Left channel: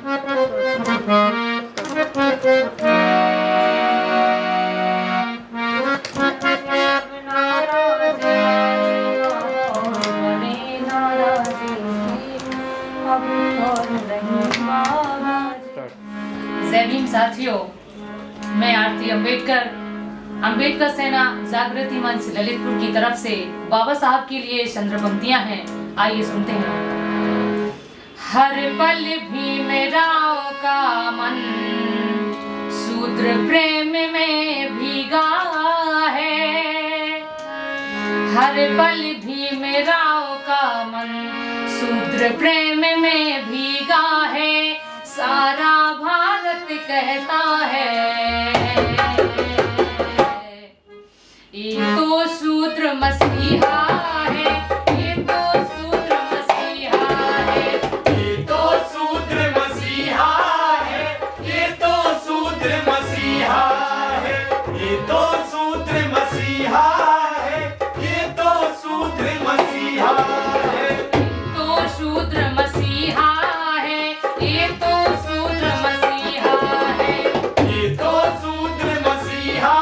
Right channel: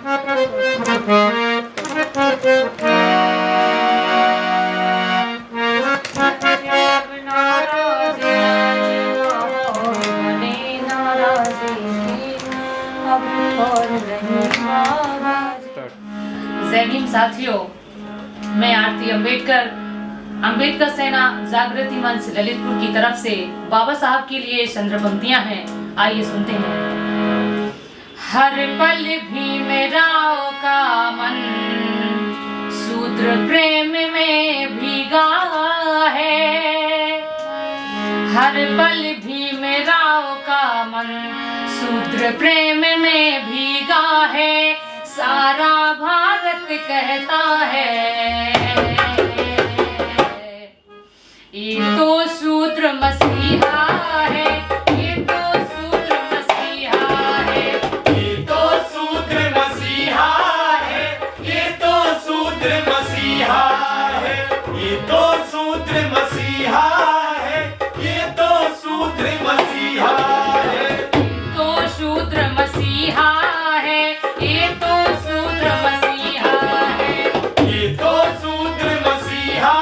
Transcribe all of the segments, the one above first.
जय भीम साथियों, मैं आरती अंबेडकर सेना जागृति मंच ललितपुर की तरफ से बाबा साहब के लिए चंद्र पंक्तियां हैं, आइए सुनते हैं। हर पल भीमराव का मन सूत्र प्रेम में भीगा है। हर पल भीमराव का मन सूत्र प्रेम में भीगा है। सारा भारत कहता है ये तो शूद्र मसीहा है, ये तो शूद्र मसीहा है, ये तो शूद्र मसीहा है, ये तो शूद्र मसीहा है, ये तो शूद्र मसीहा है, ये तो शूद्र मसीहा है, तो शूद्र मसीहा है, ये तो शूद्र मसीहा है, ये तो शूद्र मसीहा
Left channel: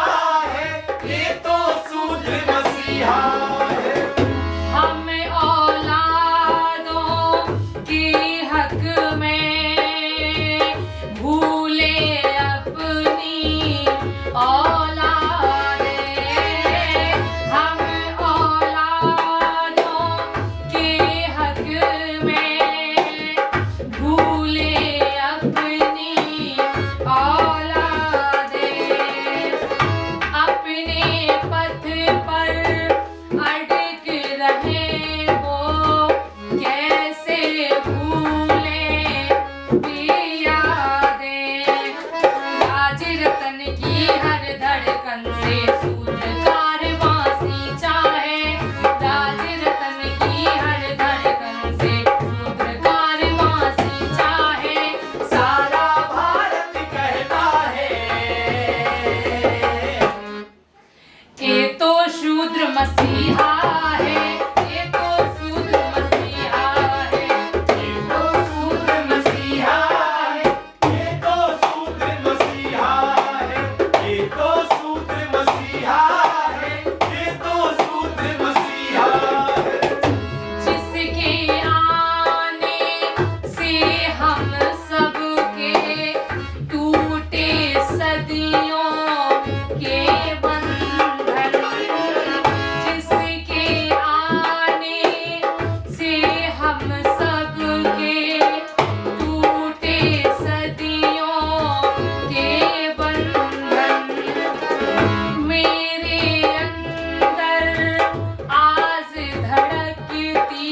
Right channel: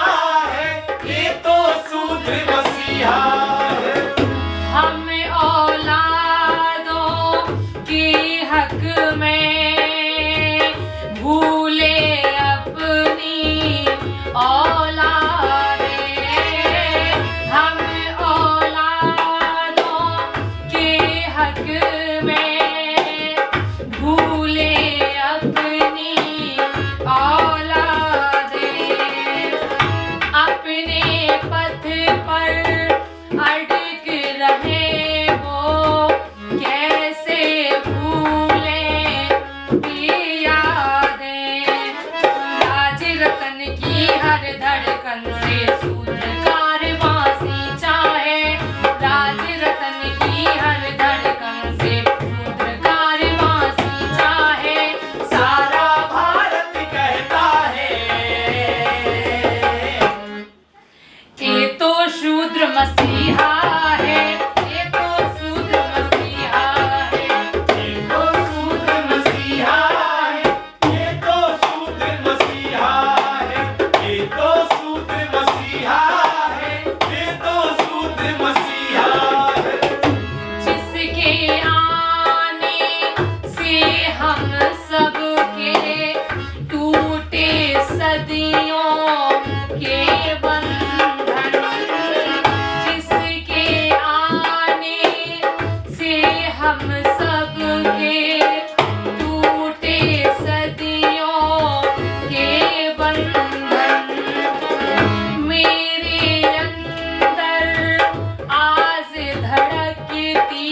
है, ये तो शूद्र मसीहा है। हम औलादों के हक में भूले अपनी औलादे। हम औलादों के हक में भूले अपनी औलादे। अपने पथ पर अटक रहे वो कैसे भूले ये यादें। राज रतन की हर धड़कन से सूत्रकार वासी चाहे। राज रतन की हर धड़कन से सूत्रकार वासी चाहे। सारा भारत कहता है ये तो शूद्र मसीहा है, ये तो शूद्र मसीहा है, ये तो शूद्र मसीहा है, ये तो शूद्र मसीहा है, ये तो शूद्र मसीहा है, ये तो शूद्र मसीहा है। जिसके आने से हम सबके टूटे सदियों के बंधन। जिसके आने से हम सबके टूटे सदियों के बंधन। मेरे अंदर आज धड़कती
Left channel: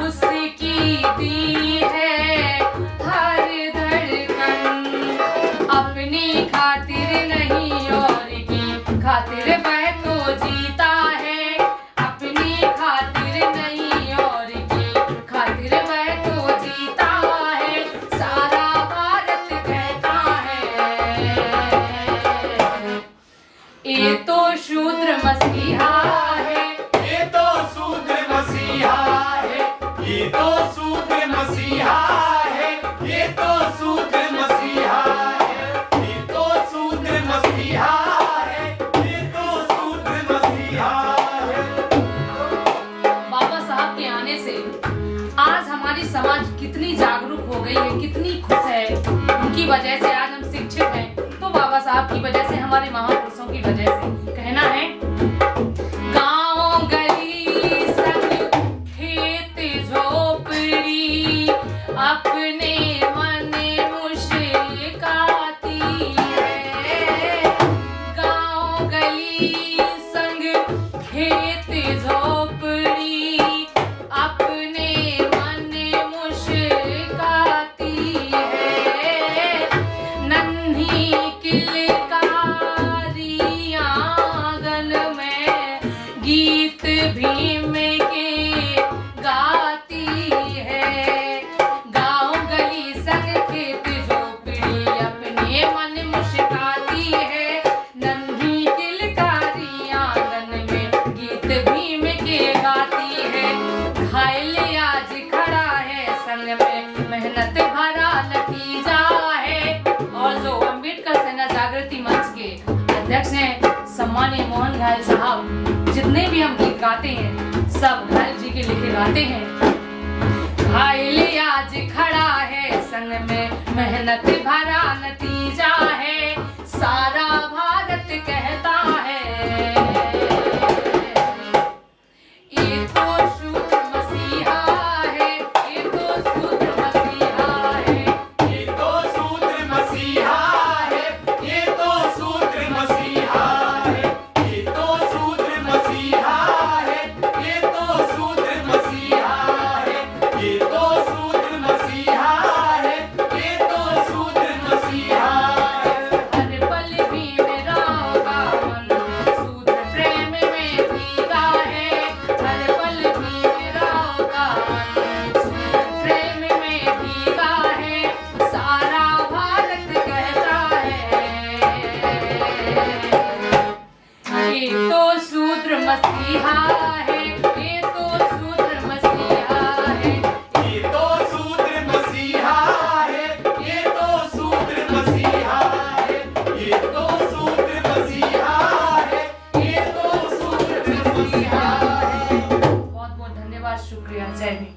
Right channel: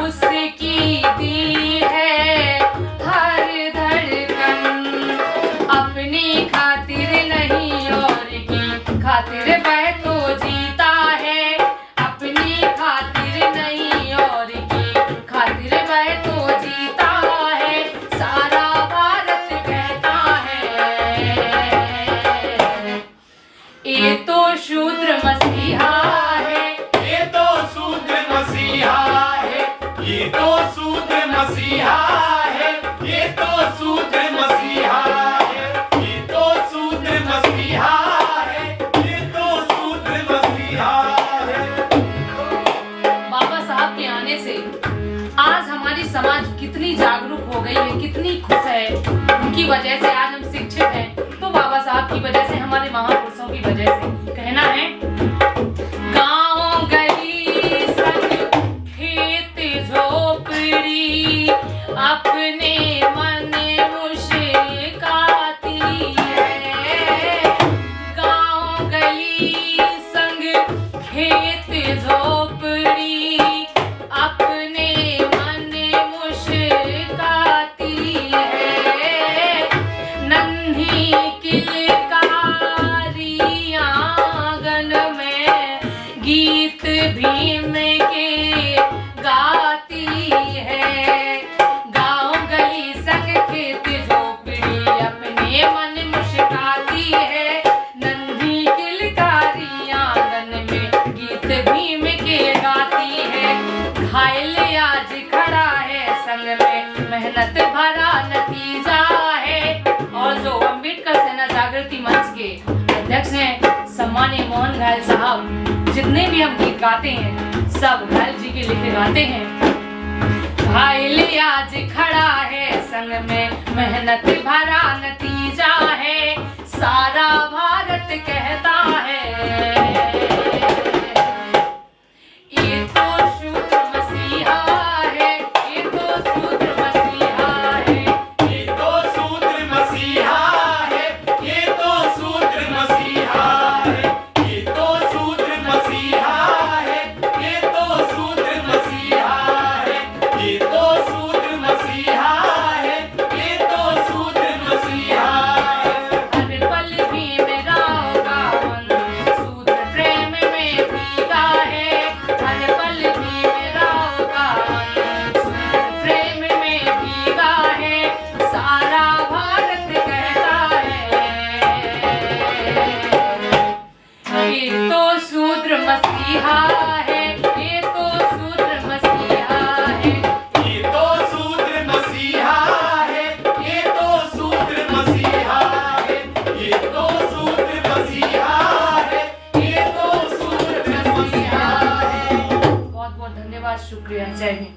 उसकी दी है हर धड़कन। अपनी खातिर नहीं और की खातिर वह तो जीता है। अपनी खातिर नहीं और की खातिर वह तो जीता है। सारा भारत कहता है ये तो शूद्र मसीहा है, ये तो शूद्र मसीहा है, ये तो शूद्र मसीहा है, ये तो शूद्र मसीहा है, ये तो शूद्र मसीहा है, ये तो शूद्र मसीहा है। बाबा साहब के आने से आज हमारी समाज कितनी जागरूक हो गई है, कितनी खुश है। उनकी वजह से आज हम शिक्षित हैं, तो बाबा साहब की वजह से, हमारे महापुरुषों की वजह से। कहना है गांव गली संग खेत झोपड़ी अपने मन मुस्काती है। गांव गली संग खेत झोपड़ी अपने मन मुस्काती है। नन्ही किलकारी आंगन में गीत भीम के गाती है। गांव गली माननीय मोहन घायल साहब जितने भी हम गीत गाते हैं सब घायल जी के लिखे गाते हैं। घायल आज खड़ा है संग में मेहनत भरा नतीजा है, सारा भारत कहता है ये तो शूद्र मसीहा है, ये तो शूद्र मसीहा है, ये तो शूद्र मसीहा है, ये तो शूद्र मसीहा है, ये तो शूद्र मसीहा है, ये तो शूद्र मसीहा है, ये तो शूद्र मसीहा है, ये तो शूद्र मसीहा है। हर पल भी मेरा होगा मन शूद्र प्रेम में भीगा है, हर पल भी मेरा होगा मन शूद्र प्रेम में भीगा है, सारा भारत कहता है ये तो शूद्र मसीहा है, ये तो शूद्र मसीहा है। ये तो शूद्र मसीहा है, ये तो शूद्र मसीहा है, ये तो शूद्र मसीहा है, ये तो शूद्र मसीहा है। बहुत बहुत धन्यवाद, शुक्रिया, जय हिंद।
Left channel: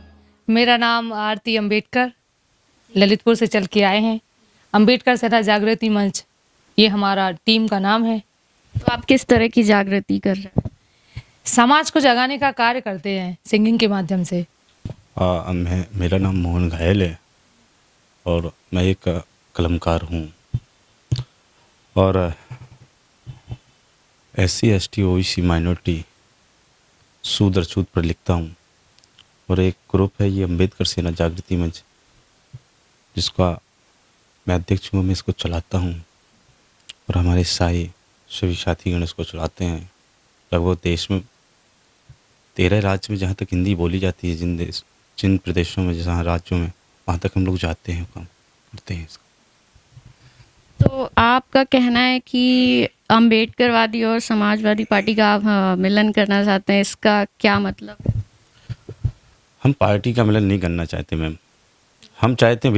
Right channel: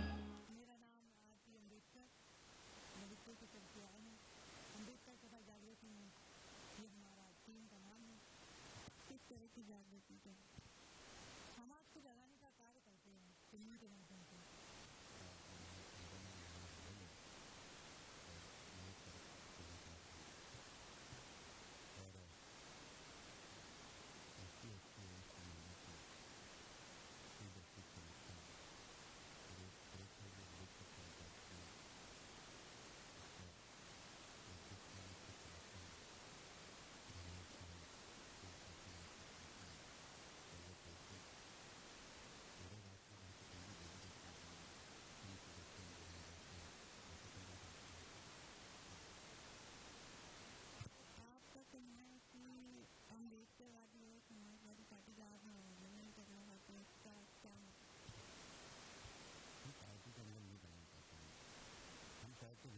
मेरा नाम आरती अंबेडकर, ललितपुर से चल के आए हैं। अंबेडकर सेना जागृति मंच ये हमारा टीम का नाम है। तो आप किस तरह की जागृति कर रहे हैं? समाज को जगाने का कार्य करते हैं सिंगिंग के माध्यम से। मेरा नाम मोहन घायल है और मैं एक कलमकार हूँ और SC ST OBC माइनॉरिटी शूद्र छूत पर लिखता हूँ और एक ग्रुप है ये अम्बेडकर सेना जागृति मंच जिसका मैं अध्यक्ष हूँ, मैं इसको चलाता हूँ और हमारे सभी साथीगण इसको चलाते हैं। लगभग देश में 13 राज्य में जहाँ तक हिंदी बोली जाती है, जिन प्रदेशों में जहाँ राज्यों में वहाँ तक हम लोग जाते हैं, काम करते हैं। तो आपका कहना है कि अम्बेडकरवादी और समाजवादी पार्टी का आप मिलन करना चाहते हैं, इसका क्या मतलब है? हम पार्टी का मिलन नहीं करना चाहते मैम, हम चाहते हैं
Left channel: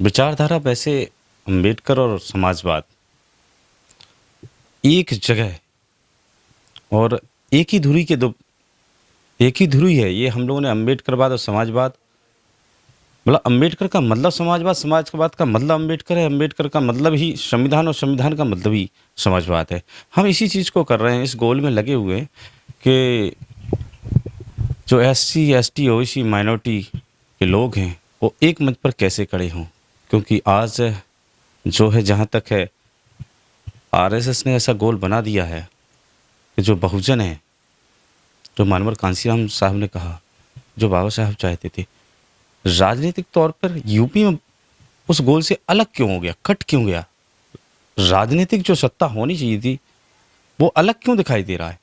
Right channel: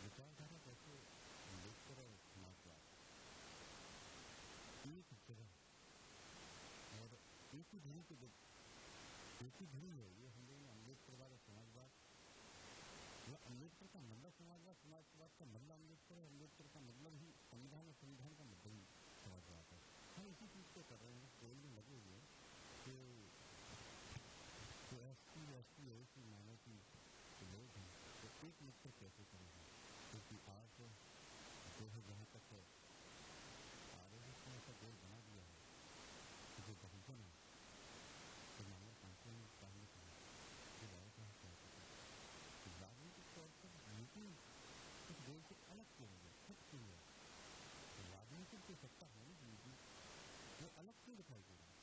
विचारधारा। वैसे अम्बेडकर और समाजवाद एक जगह और एक ही धुरी है। ये हम लोगों ने अम्बेडकरवाद और समाजवाद मतलब अम्बेडकर का मतलब समाजवाद, समाजवाद का मतलब अम्बेडकर है, अम्बेडकर का मतलब ही संविधान और संविधान का मतलब ही समाजवाद है। हम इसी चीज़ को कर रहे हैं, इस गोल में लगे हुए कि जो SC ST OBC माइनॉरिटी के लोग हैं वो एक मंच पर कैसे खड़े हों, क्योंकि आज जो है जहाँ तक है RSS ने ऐसा गोल बना दिया है कि जो बहुजन है, जो मानवर कांसीराम साहब ने कहा, जो बाबा साहब चाहते थे, राजनीतिक तौर पर यूपी में उस गोल से अलग क्यों हो गया, कट क्यों गया? राजनीतिक जो सत्ता होनी चाहिए थी वो अलग क्यों दिखाई दे रहा है?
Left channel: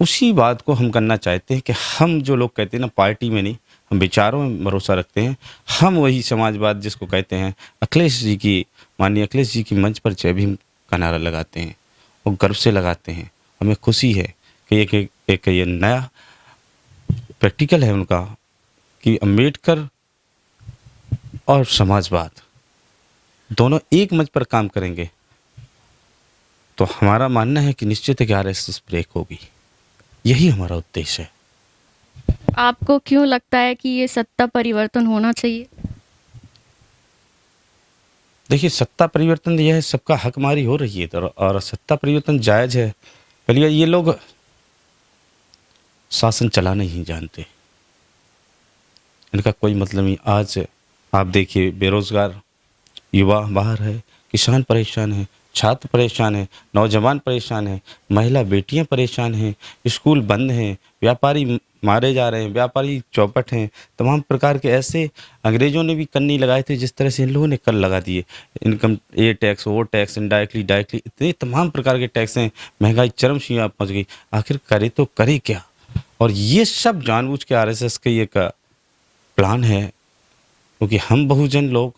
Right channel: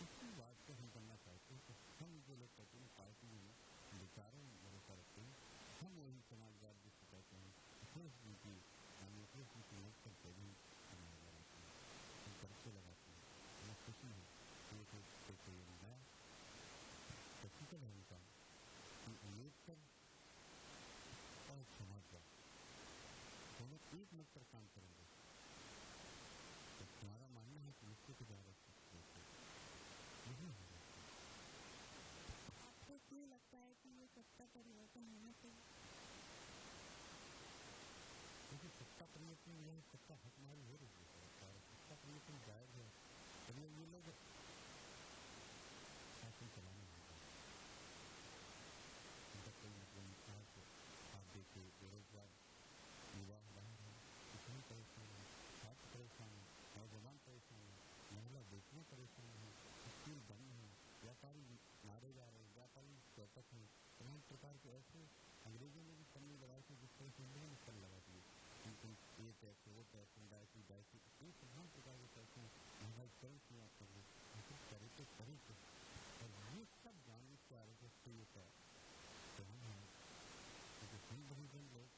उसी बात को हम करना चाहते हैं कि हम जो लोग कहते हैं ना पार्टी में नहीं, हम विचारों में भरोसा रखते हैं। हम वही समाजवाद जिसको कहते हैं माननीय अखिलेश जी की मंच पर जय भीम का नारा लगाते हैं और गर्व से लगाते हैं। हमें खुशी है कि एक ये नया प्रैक्टिकल है उनका कि अम्बेडकर और समाजवाद दोनों एक मंच पर काम करेंगे तो हमारा मानना है कि निश्चित है कि RSS ब्रेक होगी। यही हमारा उद्देश्य है। आपको क्यों लगता है कि ये सत्ता परिवर्तन होना चाहिए? देखिए, सत्ता परिवर्तन यह है, सबका हकमारी हो रही है और सत्ता परिवर्तन जायज़ है। पहले ये लोग शासन चलाना ही जानते, इनका कोई मतलब नहीं। आज आप देखिए, बेरोजगार युवा बाहर है, किसान परेशान है, छात्र परेशान है, नौजवान परेशान है, महिला बेटियां परेशान हैं, स्कूल बंद हैं, व्यापारी मारे जा रहे हैं, व्यापारी चौपट हैं, तमाम प्रकार के ऐसे अंग्रेजों ने भी कर नहीं लगाए थे जिस तरह से इन लोगों ने कर लगा दिए। इनकम ये टैक्स, वो टैक्स, इनडायरेक्टली डायरेक्टली इतने तमाम प्रकार के टैक्स हैं, महंगाई चरम सीमा पहुँच गई। आखिर करे तो करे क्या? और ये सब जानबूझ के RSS का ये का प्लान है, क्योंकि हम बहुजन लोग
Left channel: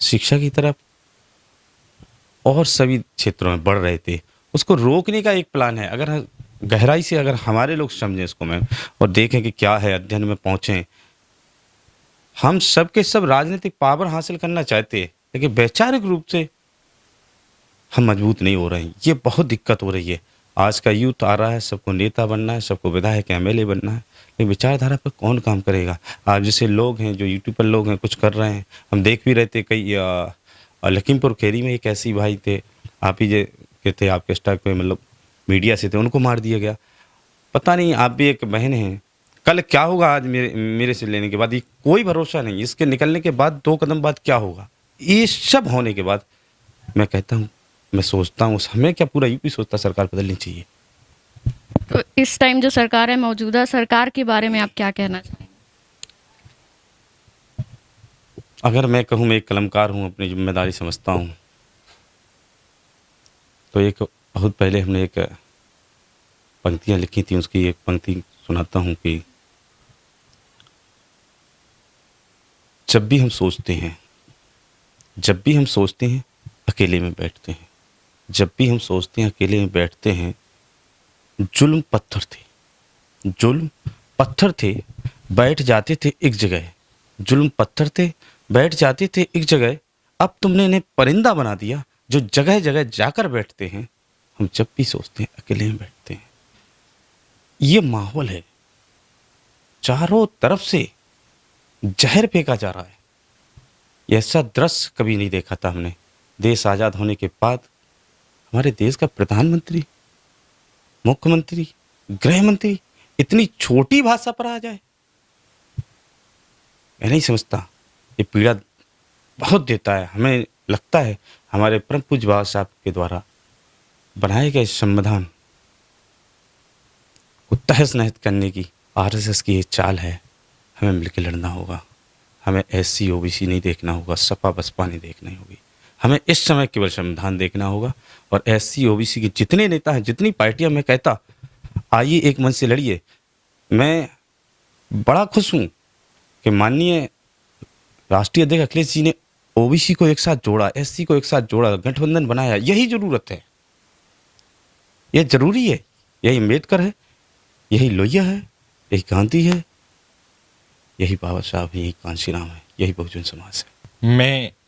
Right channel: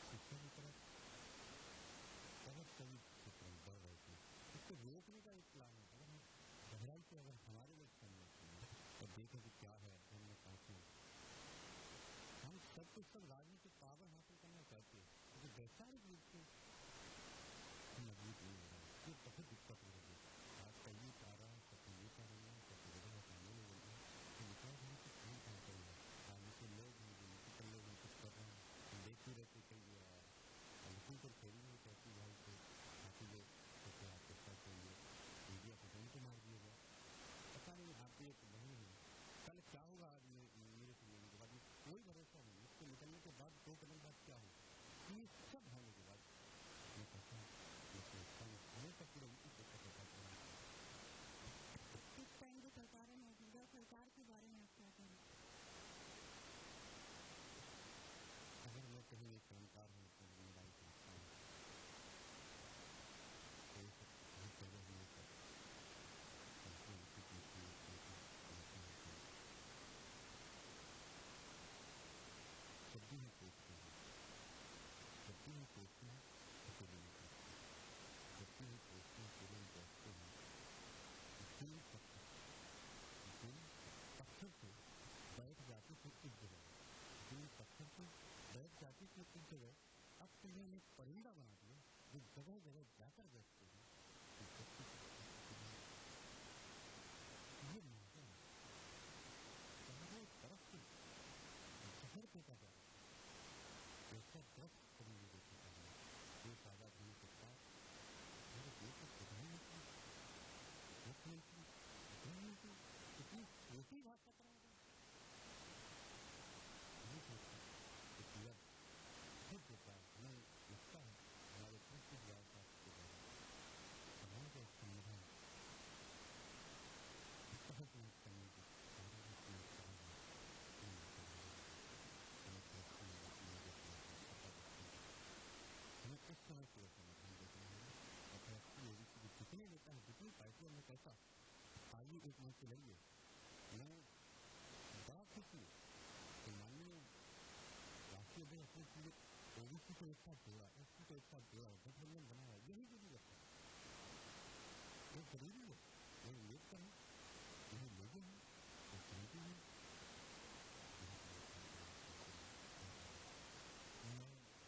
शिक्षा की तरफ और सभी क्षेत्रों में बढ़ रहे थे, उसको रोकने का एक प्लान है। अगर गहराई से अगर हमारे लोग समझें इसको मैम और देखें कि क्या है, अध्ययन में पहुँचें, हम सब के सब राजनीतिक पावर हासिल करना चाहते हैं, लेकिन वैचारिक रूप से हम मजबूत नहीं हो रहे हैं। ये बहुत दिक्कत हो रही है। आज का यूथ आ रहा है, सबको नेता बनना है, सबको विधायक एमएलए बनना है, लेकिन विचारधारा पर कौन काम करेगा? आज जैसे लोग हैं, जो यूट्यूब पर लोग हैं, कुछ कर रहे हैं, हम देख भी रहे थे। कई लखीमपुर खीरी में एक ऐसे भाई थे, आप ही के थे, आपके स्टाफ पे मतलब मीडिया से थे, उनको मार दिया गया। पता नहीं, आप भी एक बहन हैं, कल क्या होगा? आज मेरे से लेने के बाद ये कोई भरोसा नहीं, इसके निकलने के बाद 2 कदम बाद क्या होगा? ये सब होने के बाद मैं कहता हूँ, मैं सोचता हूँ, हमें क्या पूरा यूपी सोचता सरकार बदलनी चाहिए। तो इस टाइम जो सरकार है, मौजूदा सरकार के बारे में आप क्या कहना चाहेंगे? अगर मैं कहूँ, मैं एक कलमकार हूँ, अपनी जिम्मेदारी समझता हूँ, तो एक बहुत पहले हमने एक पंक्तियाँ लिखी थी, उसकी एक पंक्ति सुनाता हूँ कि जब भी हम सोचते हैं, अकेले में बैठते हैं। जब भी हम सोचते हैं, अकेले में बैठते हैं। जुल्म पत्थर थे, बैठ जाते थे एक जगह। जुल्म पत्थर थे, बैठ जाते थे एक जगह। अब तुमने इन्हें परिंदा बना दिया, जो जगह जगह जाकर बैठते हैं। हम जब भी सोचते हैं, अकेले में बैठते हैं। ये माहौल है, चारों तरफ से जहर फेंका जा रहा है। ऐसा दृश्य कभी नहीं देखा था हमने। देश आज़ाद होने के बाद हमारे देश का प्रधानमंत्री, मुख्यमंत्री, गृह मंत्री इतनी छोटी भाषा पर आ जाए, मैं नहीं समझता। ये पीड़ा बहुत देता है। हमें लगता है हमारे परम पूज्य बाबा साहब के द्वारा बनाए गए संविधान को तहस नहस करने की आरएसएस की ये चाल है। हमें मिलकर लड़ना होगा। हमें एससी ओबीसी नहीं देखना होगा, सपा बसपा नहीं देखनी होगी। हमें इस समय केवल संविधान देखना होगा। और एससी ओबीसी के जितने नेता हैं, जितनी पार्टियां, मैं कहता आइए एक मन से लड़िए। मैं बड़ा खुश हूँ कि माननीय राष्ट्रीय अध्यक्ष अखिलेश जी ने ओबीसी को एक साथ जोड़ा, एससी को एक साथ जोड़ा, गठबंधन बनाया। यही जरूरत है, यह जरूरी है। यही अम्बेडकर है, यही लोहिया है, यही गांधी है, यही बाबा साहब है, यही कांशीराम है, यही बहुजन समाज है।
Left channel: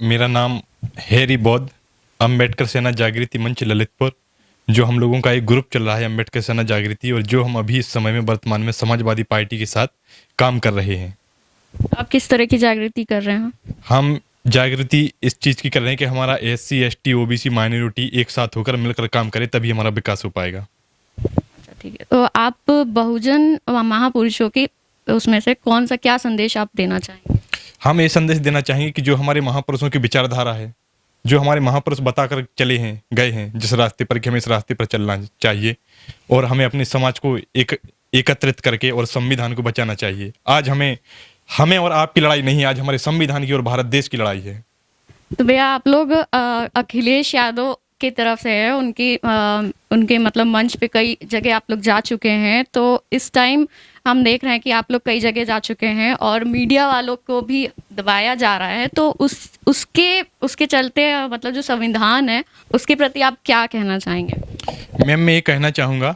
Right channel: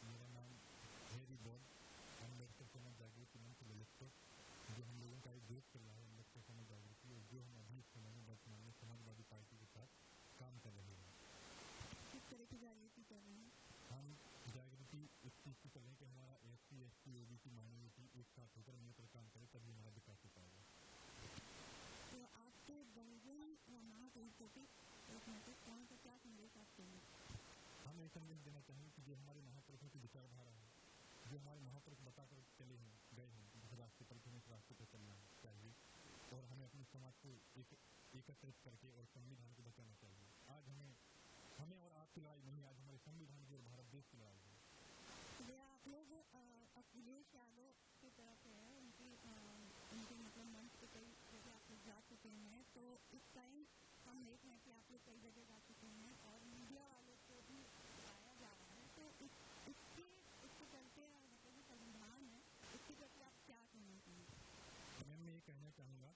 मेरा नाम हैरी बौद्ध, अम्बेडकर सेना जागृति मंच ललितपुर, जो हम लोगों का एक ग्रुप चल रहा है अम्बेडकर सेना जागृति, और जो हम अभी इस समय में वर्तमान में समाजवादी पार्टी के साथ काम कर रहे हैं। आप किस तरह की जागृति कर रहे हैं? हम जागृति इस चीज़ की कर रहे हैं कि हमारा एससी एसटी ओबीसी माइनॉरिटी एक साथ होकर मिलकर काम करे, तभी हमारा विकास हो पाएगा। ठीक है, तो आप बहुजन महापुरुषों के उसमें से कौन सा क्या संदेश आप देना चाहेंगे? हम ये संदेश देना चाहेंगे कि जो हमारे महापुरुषों की विचारधारा है, जो हमारे महापुरुष बताकर चले हैं, गए हैं जिस रास्ते पर, कि हमें इस रास्ते पर चलना चाहिए और हमें अपने समाज को एकत्रित करके और संविधान को बचाना चाहिए। आज हमें और आपकी लड़ाई नहीं, आज हमारे संविधान की और भारत देश की लड़ाई है। तो भैया, आप लोग अखिलेश यादव की तरफ से है, उनके मतलब मंच पे कई जगह आप लोग जा चुके हैं। तो इस टाइम हम देख रहे हैं कि आप लोग कई जगह जा चुके हैं और मीडिया वालों को भी दबाया जा रहा है। तो उसके चलते मतलब जो संविधान है उसके प्रति आप क्या कहना चाहेंगे? मैम, मैं ये कहना चाहूँगा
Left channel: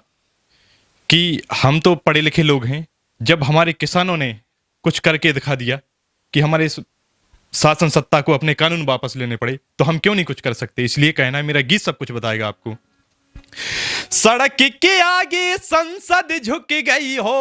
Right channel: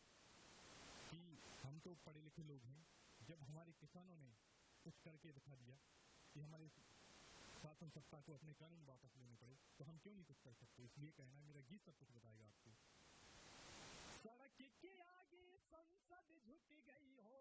कि हम तो पढ़े लिखे लोग हैं। जब हमारे किसानों ने कुछ करके दिखा दिया कि हमारे इस शासन सत्ता को अपने कानून वापस लेने पड़े, तो हम क्यों नहीं कुछ कर सकते? इसलिए कहना है, मेरा गीत सब कुछ बताएगा आपको। सड़क के आगे संसद झुक गई हो,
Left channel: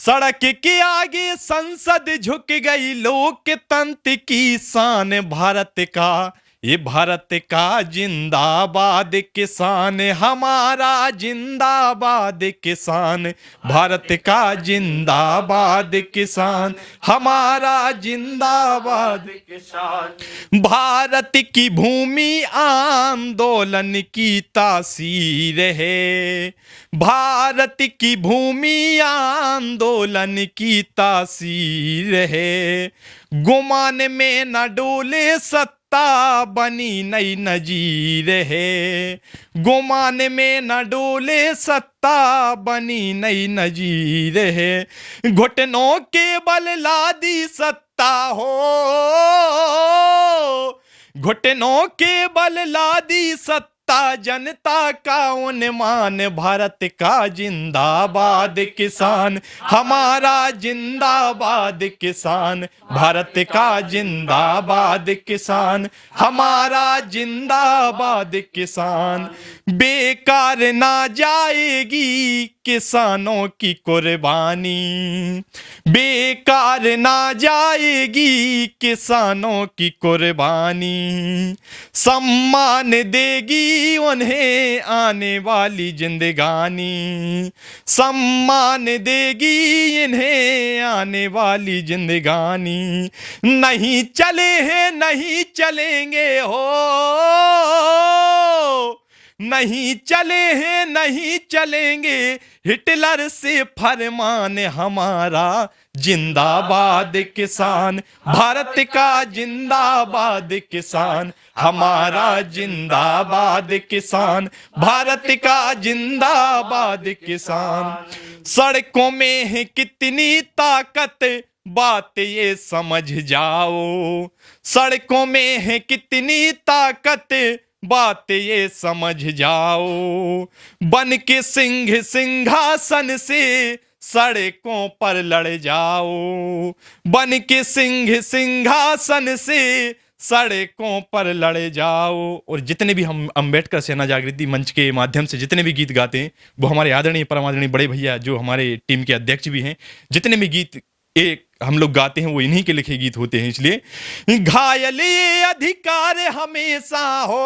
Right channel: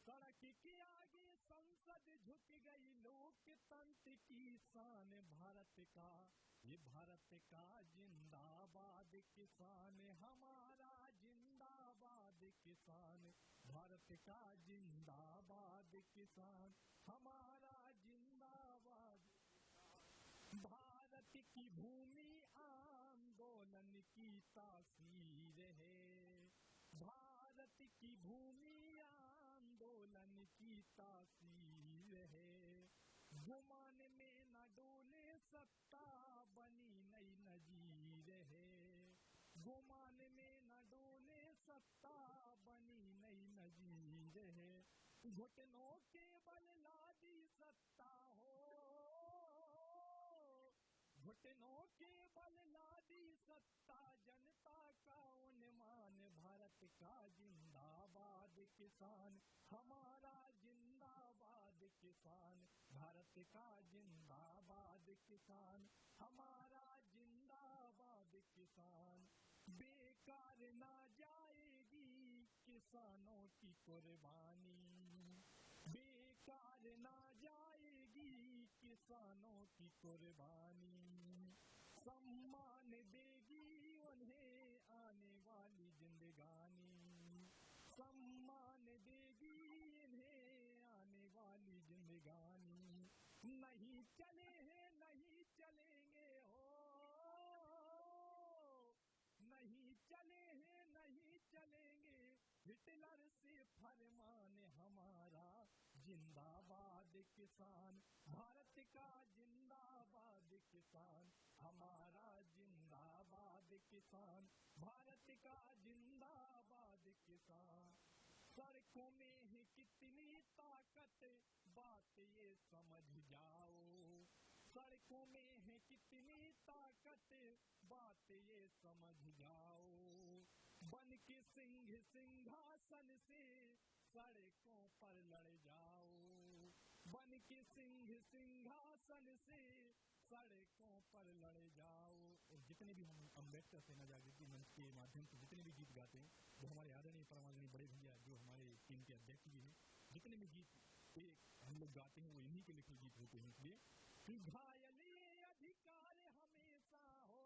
सड़क के आगे संसद झुक गई, लोकतंत्र की शान भारत का, ये भारत का जिंदाबाद किसान, हमारा जिंदाबाद किसान, भारत का जिंदाबाद किसान, हमारा जिंदाबाद किसान। भारत की भूमि आंदोलन की तासीर है, भारत की भूमि आंदोलन की तासीर है, गुमान में न डोले सत्ता बनी नई नजीर है, गुमान में न डोले सत्ता बनी नई नजीर है, घुटनों के बल लादी सत्ता हो, घुटनों के बल लादी सत्ता नेता जनता का उन्मान, भारत का जिंदाबाद किसान, हमारा जिंदाबाद किसान, भारत का जिंदाबाद किसान, हमारा जिंदाबाद किसान। बेकार ना जाएगी किसानों की कुर्बानी, बेकार ना जाएगी किसानों की कुर्बानी, सम्मान देगी उन्हें आने वाली जिंदगानी, सम्मान देगी इन्हें आने वाली जिंदगानी। नहीं चले हैं नहीं चलेंगे हो, नहीं चले हैं नहीं चलेंगे, हिटलर से फरमान हमारा, जिंदाबाद किसान, भारत का जिंदाबाद किसान, हमारा जिंदाबाद किसान, भारत का जिंदाबाद किसान। सड़कों में है कितनी ताकत, बात ये समझ जाओ, सड़कों में है कितनी ताकत, बात ये समझ जाओ। बन के सिंह सिंहासन से सड़कों पर लड़ जाओ, बन के सिंह सिंहासन से सड़कों पर लड़ जाओ। और जितने भी हम अंबेडकर सेना जागृति मंच के माध्यम से जितने भी गीत गाते हैं, वो हमारे आदरणीय परमादरणीय बड़े भैया जो हमारे टीम के अध्यक्ष भी हैं, जितने भी गीत एक हम लोग गाते हैं वो इन्हीं के लिखे गीत होते हैं। इसलिए घायल ये अधिकार हमेशा हो,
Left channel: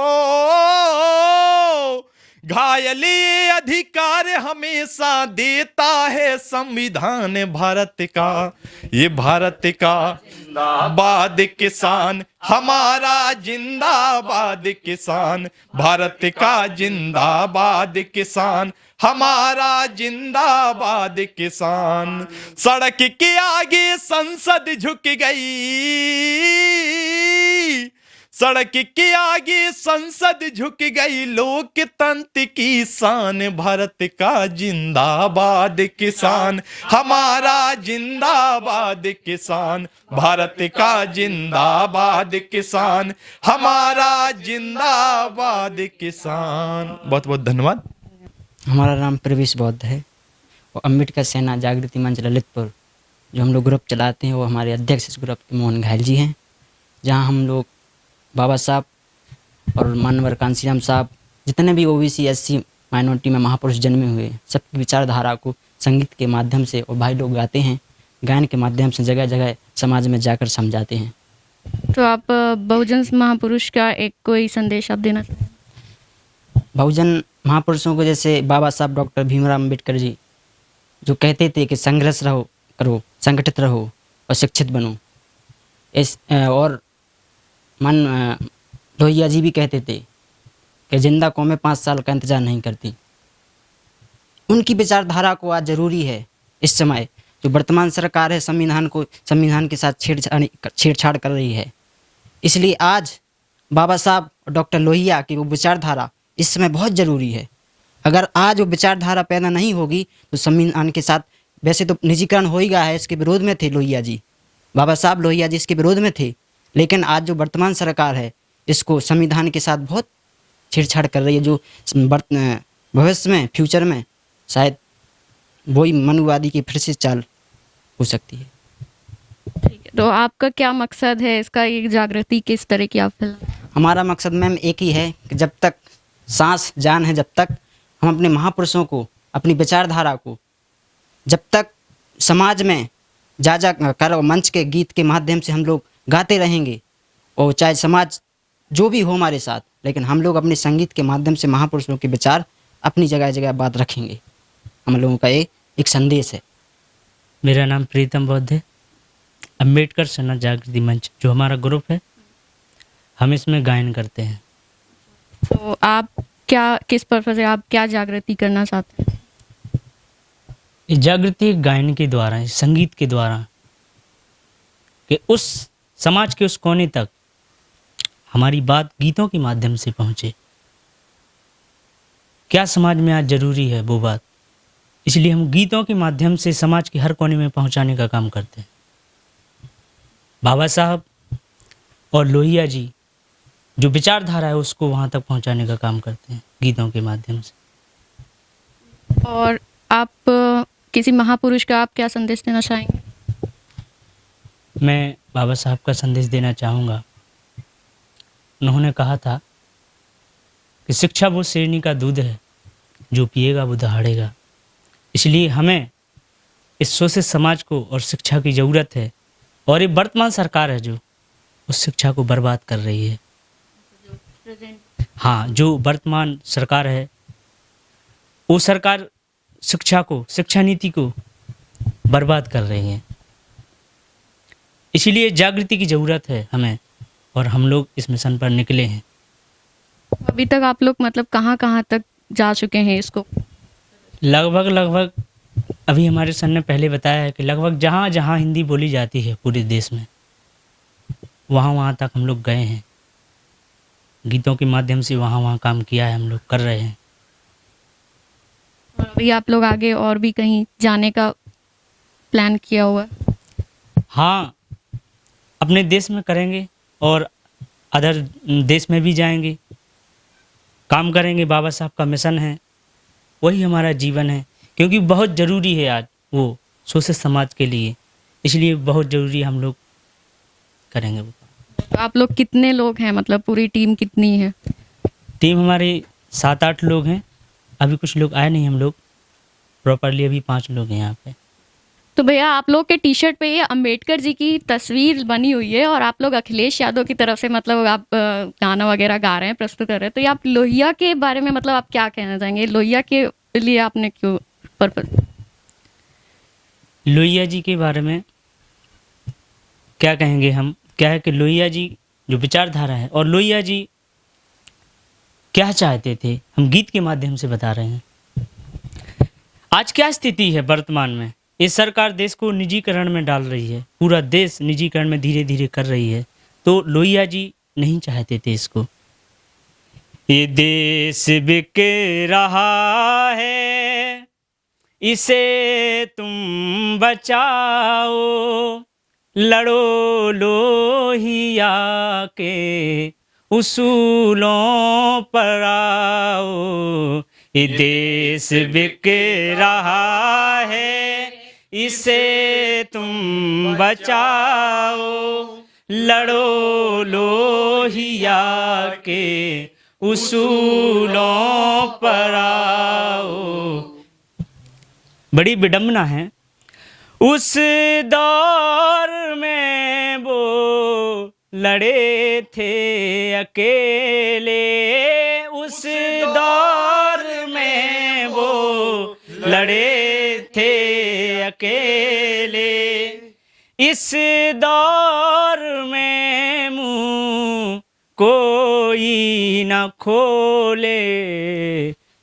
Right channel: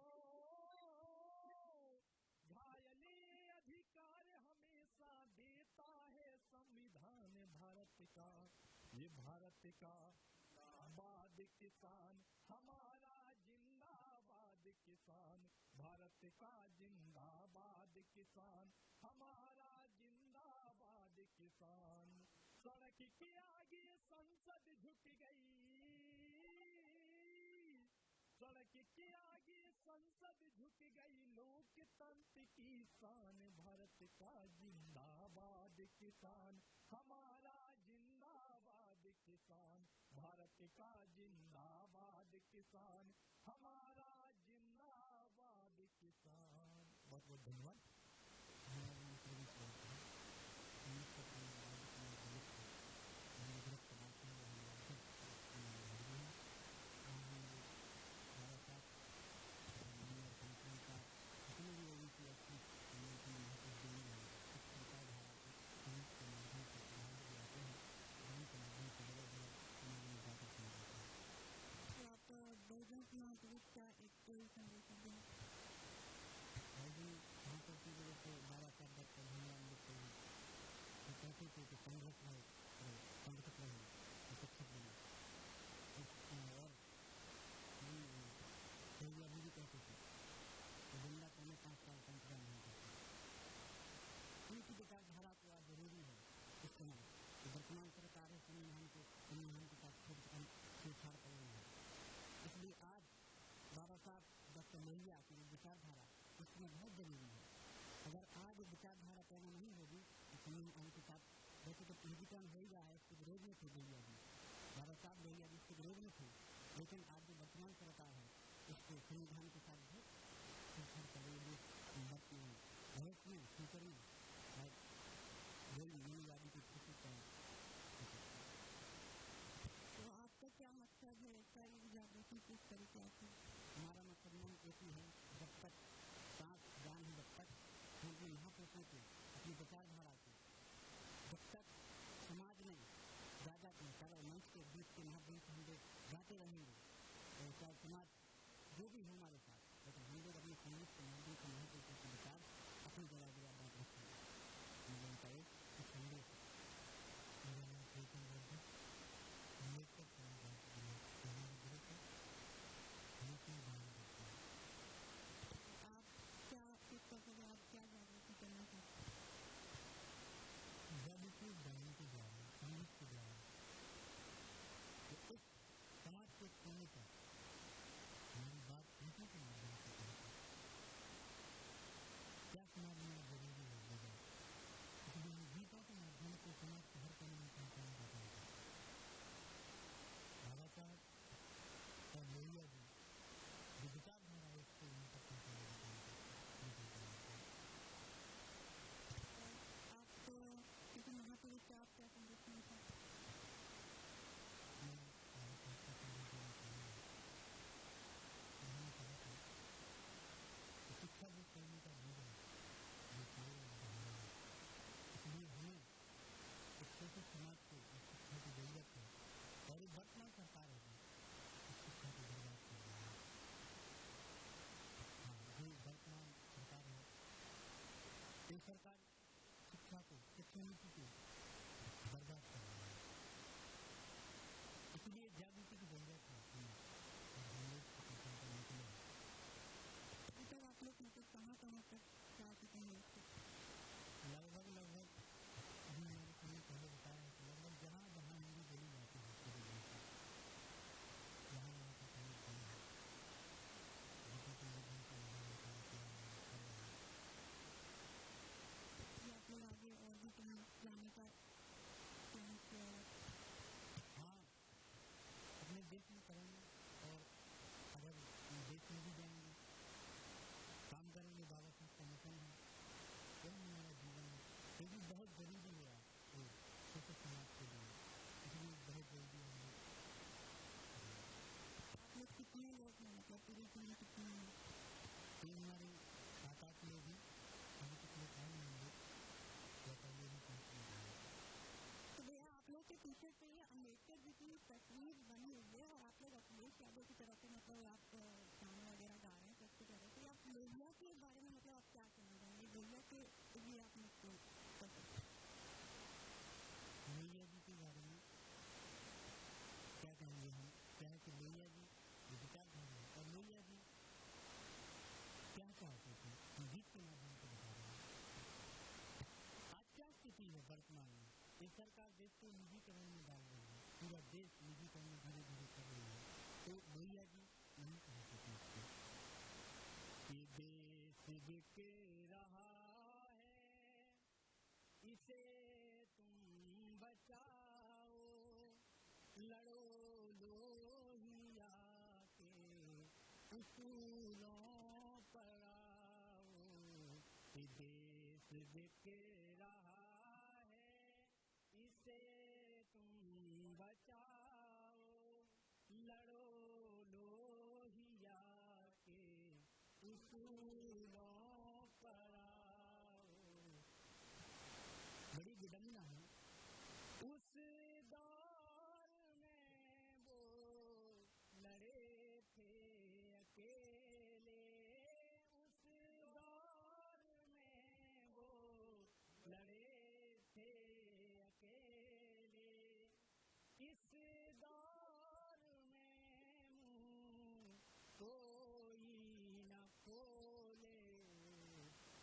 घायल ये अधिकार हमेशा देता है संविधान भारत का, ये भारत का जिंदाबाद किसान, हमारा जिंदाबाद किसान, भारत का जिंदाबाद किसान, हमारा जिंदाबाद किसान। सड़क के आगे संसद झुक गई, सड़क के आगे संसद झुक गई, लोकतंत्र की शान, भारत का जिंदाबाद किसान, हमारा जिंदाबाद किसान, भारत का जिंदाबाद किसान, हमारा जिंदाबाद किसान। बहुत बहुत धन्यवाद। हमारा नाम प्रवेश बौद्ध है और अम्बेडकर सेना जागृति मंच ललितपुर जो हम लोग ग्रुप चलाते हैं, वो हमारे अध्यक्ष इस ग्रुप मोहन घायल जी हैं। जहां हम लोग बाबा साहब और मानवर कांसीराम साहब, जितने भी ओबीसी एससी माइनॉरिटी में महापुरुष जन्मे हुए, सबकी विचारधारा को संगीत के माध्यम से और भाई लोग गाते हैं, गायन के माध्यम से जगह जगह समाज में जाकर समझाते हैं। तो आप बहुजन महापुरुष का एक कोई संदेश आप देना चाहें? बहुजन महापुरुषों को जैसे बाबा साहब डॉक्टर भीमराव अम्बेडकर जी जो कहते थे कि संघर्ष करो, संगठित रहो और शिक्षित बनो। और लोहिया जी भी कहते थे कि जिंदा कौमें 5 साल का इंतजार नहीं करती। उनकी विचारधारा को आज ज़रूरी है। इस समय जो वर्तमान सरकार है संविधान के साथ छेड़छाड़ कर रही है, इसलिए आज बाबा साहब डॉक्टर लोहिया की वो विचारधारा इस समय बहुत ज़रूरी है। अगर आज वो विचारधारा पैदा नहीं होगी तो संविधान के साथ, वैसे तो निजीकरण हो ही गया है, इसके विरोध में थे लोहिया जी, बाबा साहब लोहिया जी इसके विरोध में थे, लेकिन आज जो वर्तमान सरकार है इसको संविधान के साथ बहुत छेड़छाड़ कर रही है, जो भविष्य में फ्यूचर में शायद वही मनुवादी की फिर से चाल हो सकती है। ठीक है, तो आपका क्या मकसद है इसका, ये जागृति किस तरह की आप फैला? हमारा मकसद मैम एक ही है कि जब तक सांस जान है, जब तक हम अपने महापुरुषों को, अपनी विचारधारा को जब तक समाज में जा कर मंच के गीत के माध्यम से हम लोग गाते रहेंगे, और चाहे समाज जो भी हो हमारे साथ, लेकिन हम लोग अपने संगीत के माध्यम से महापुरुषों के विचार अपनी जगह जगह बात रखेंगे। हम लोगों का एक संदेश है। मेरा नाम प्रीतम बौद्ध है। अम्बेडकर सेना जागृति मंच जो हमारा ग्रुप है, हम इसमें गायन करते हैं। तो आप किस पर्पज से आप क्या जागृति करना चाहते हैं? इस जागृति गायन के द्वारा, संगीत के द्वारा, कि उस समाज के उस कोने तक हमारी बात गीतों के माध्यम से पहुंचे। क्या समाज में आज जरूरी है वो बात, इसलिए हम गीतों के माध्यम से समाज के हर कोने में पहुंचाने का काम करते हैं। बाबा साहब और लोहिया जी जो विचारधारा है उसको वहाँ तक पहुँचाने का काम करते हैं गीतों के माध्यम से। और आप किसी महापुरुष का आप क्या संदेश देना चाहेंगे? मैं बाबा साहब का संदेश देना चाहूँगा। उन्होंने कहा था कि शिक्षा वो शेरनी का दूध है, जो पिएगा वो दहाड़ेगा। इसलिए हमें इस शोषित समाज को और शिक्षा की ज़रूरत है। और ये वर्तमान सरकार है जो उस शिक्षा को बर्बाद कर रही है। हाँ, जो वर्तमान सरकार है वो सरकार शिक्षा को, शिक्षा नीति को बर्बाद कर रही है। इसीलिए जागृति की ज़रूरत है हमें, और हम लोग इस मिशन पर निकले हैं। अभी तक आप लोग मतलब कहाँ कहाँ तक जा चुके हैं इसको? लगभग अभी हमारे सर ने पहले बताया है कि लगभग जहाँ जहाँ हिंदी बोली जाती है पूरे देश में, वहाँ वहाँ तक हम लोग गए हैं। गीतों के माध्यम से वहाँ वहाँ काम किया है, हम लोग कर रहे हैं। और अभी आप लोग आगे और भी कहीं जाने का प्लान किया हुआ है? हाँ, अपने देश में करेंगे और अदर देश में भी जाएंगे, काम करेंगे। बाबा साहब का मिशन है, वही हमारा जीवन है, क्योंकि बहुत ज़रूरी है आज वो शोषित समाज के लिए। इसलिए बहुत ज़रूरी हम लोग करेंगे वो। तो आप लोग कितने लोग हैं, मतलब पूरी टीम कितनी है? टीम हमारे 7-8 लोग हैं। अभी कुछ लोग आए नहीं, हम लोग प्रॉपरली अभी 5 लोग हैं यहाँ पे। तो भैया आप लोग के टी शर्ट पे ये अंबेडकर जी की तस्वीर बनी हुई है और आप लोग अखिलेश यादव की तरफ से मतलब आप गाना वगैरह गा रहे हैं, प्रस्तुत कर रहे हैं। तो ये आप लोहिया के बारे में मतलब आप क्या कहना चाहेंगे? लोहिया के लिए आपने क्यों पर्पज? लोहिया जी के बारे में क्या कहेंगे हम? क्या है कि लोहिया जी जो विचारधारा है, और लोहिया जी क्या चाहते थे, हम गीत के माध्यम से बता रहे हैं। आज क्या स्थिति है वर्तमान में? ये सरकार देश को निजीकरण में डाल रही है, पूरा देश निजीकरण में धीरे धीरे कर रही है। तो लोहिया जी नहीं चाहते थे इसको। ये देश बिक रहा है, इसे तुम बचाओ, लड़ो लोहिया के उसूलों पर आओ। ये देश बिक रहा है, इसे तुम बचाओ, लड़ो लोहिया के उसूलों पर आओ। बड़ी विडंबना है। उस दौर में वो लड़े थे अकेले, उस दौर में वो लड़े थे अकेले। इस दौर में मुंह कोई न खोले,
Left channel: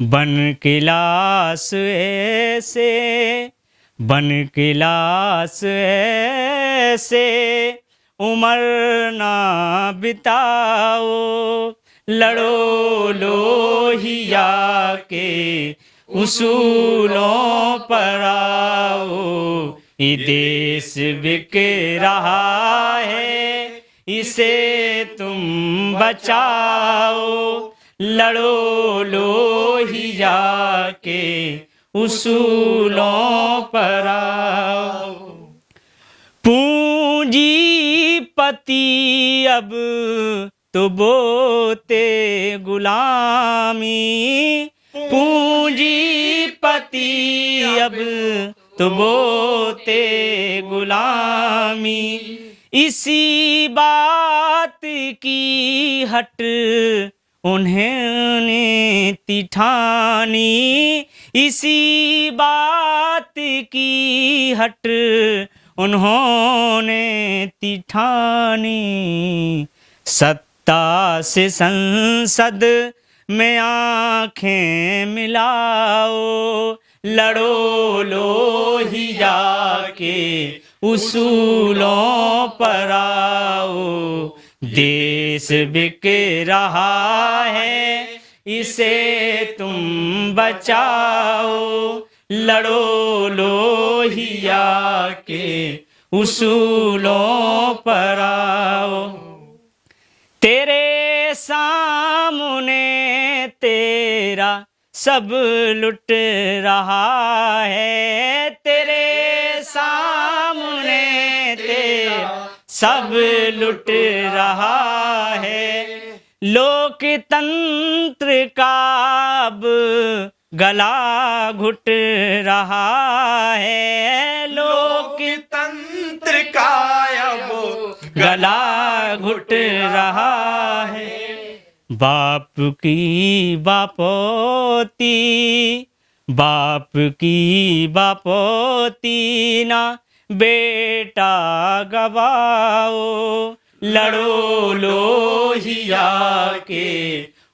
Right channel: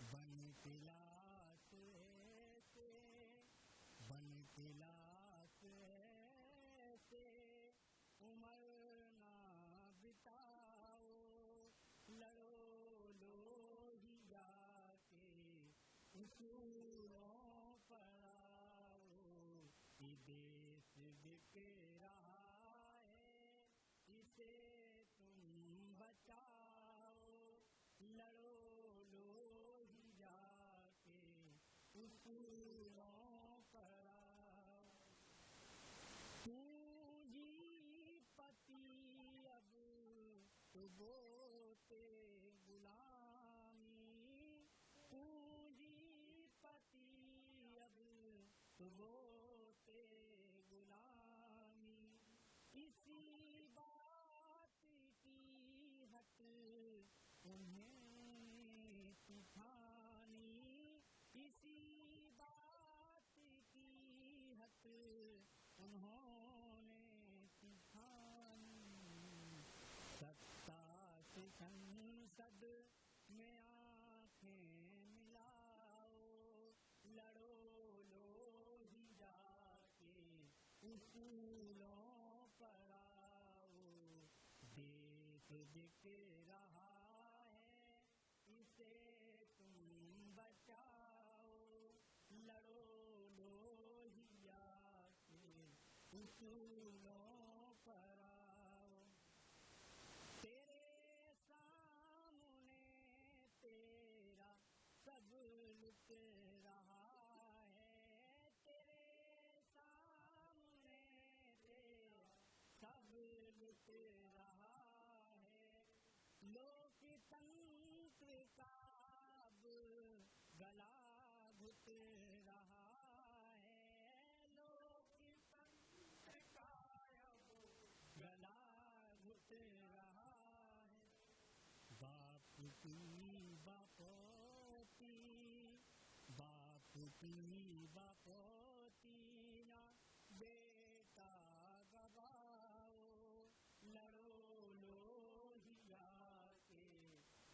बन के लाश ऐसे, बन के लाश ऐसे उम्र ना बिताओ, लड़ो लोहिया के उसूलों पर आओ। ये देश बिक रहा है, इसे तुम बचाओ, लड़ो लोहिया के उसूलों पर आओ। पूंजीपति अब तो बोते गुलामी, पूंजीपति अब तो बोते गुलामी। इसी बात की हट उन्होंने तिठानी, इसी बात की हट उन्होंने तिठानी। सत्ता से संसद में आंखें मिलाओ, लड़ो लोहिया के उसूलों पर आओ। देश बिक रहा है, इसे तुम बचाओ, लड़ो लोहिया के उसूलों पर आओ। तेरे सब लुट रहा है, तेरे सामने तेरा सब लुट रहा है। लोकतंत्र का अब गला घुट रहा है, लोकतंत्र का अब गला घुट रहा है। बाप की बापोती, बाप की बापोती ना बेटा गवाओ, लड़ो लोहिया के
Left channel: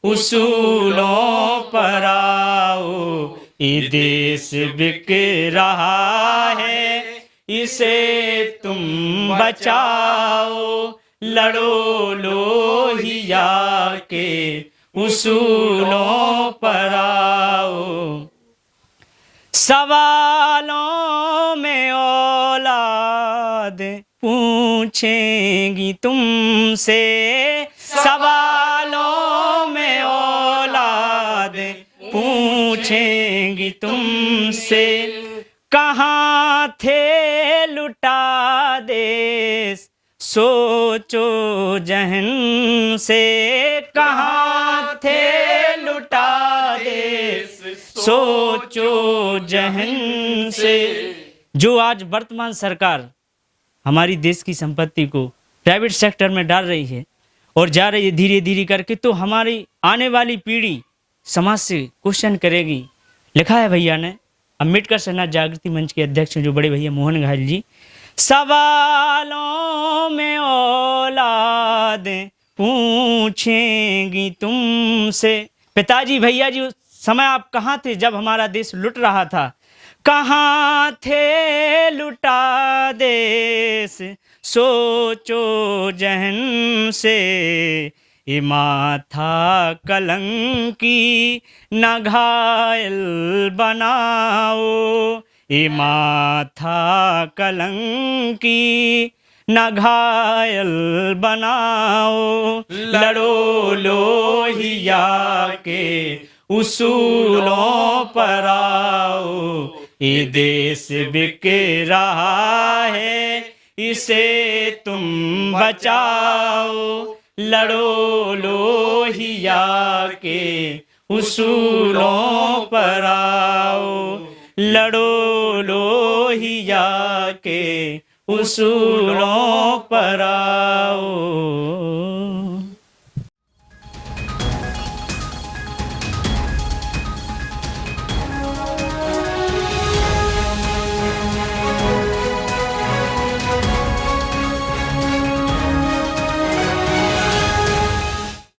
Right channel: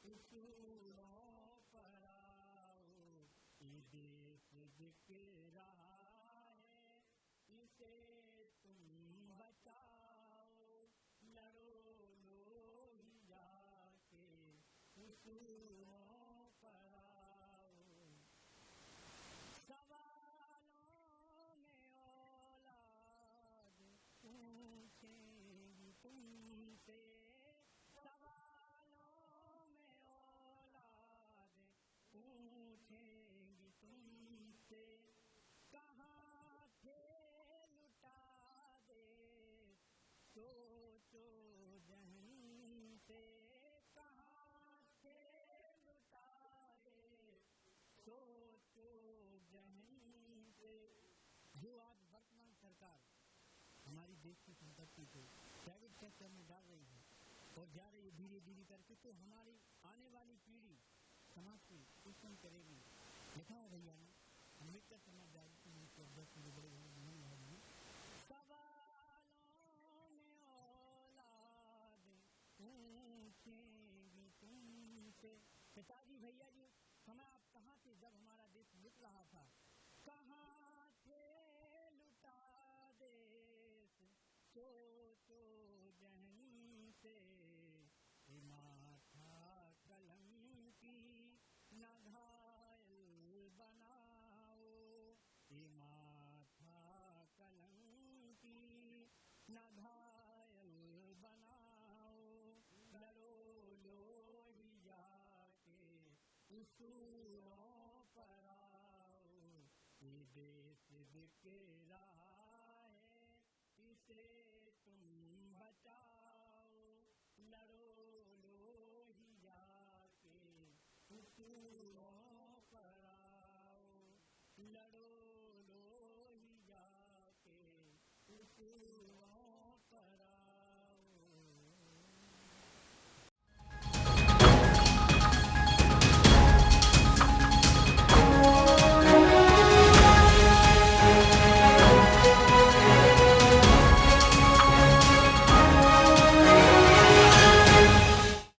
उसूलों पर आओ। ये देश बिक रहा है, इसे तुम बचाओ, लड़ो लोहिया के उसूलों पर आओ। सवालों में औलाद पूछेंगी तुमसे, सवालों में औलाद पूछेंगी तुमसे। कहाँ थे लुटा देश सोचो जहन से, कहाँ थे लुटा देश सोचो जहन से। जो आज वर्तमान सरकार हमारी देश की संपत्ति को प्राइवेट सेक्टर में डाल रही है और जा रही है धीरे धीरे करके, तो हमारी आने वाली पीढ़ी समाज से क्वेश्चन करेगी। लिखा है भैया ने, अम्बेडकर सेना जागृति मंच के अध्यक्ष जो बड़े भैया मोहन घायल जी, सवालों में औलाद पूछेंगी तुमसे। पिताजी भैया जी उस समय आप कहाँ थे जब हमारा देश लुट रहा था? कहाँ थे लुटा देश सोचो जहन से। ये माथा कलंकी न घायल बनाओ, ये माथा कलंकी न घायल बनाओ। लड़ो लोहिया के उसूलों पर आओ। ये देश बिक रहा है, इसे तुम बचाओ। लड़ो लोहिया के उसूलों पर आओ। लड़ो लोहिया के उसूलों पर आओ।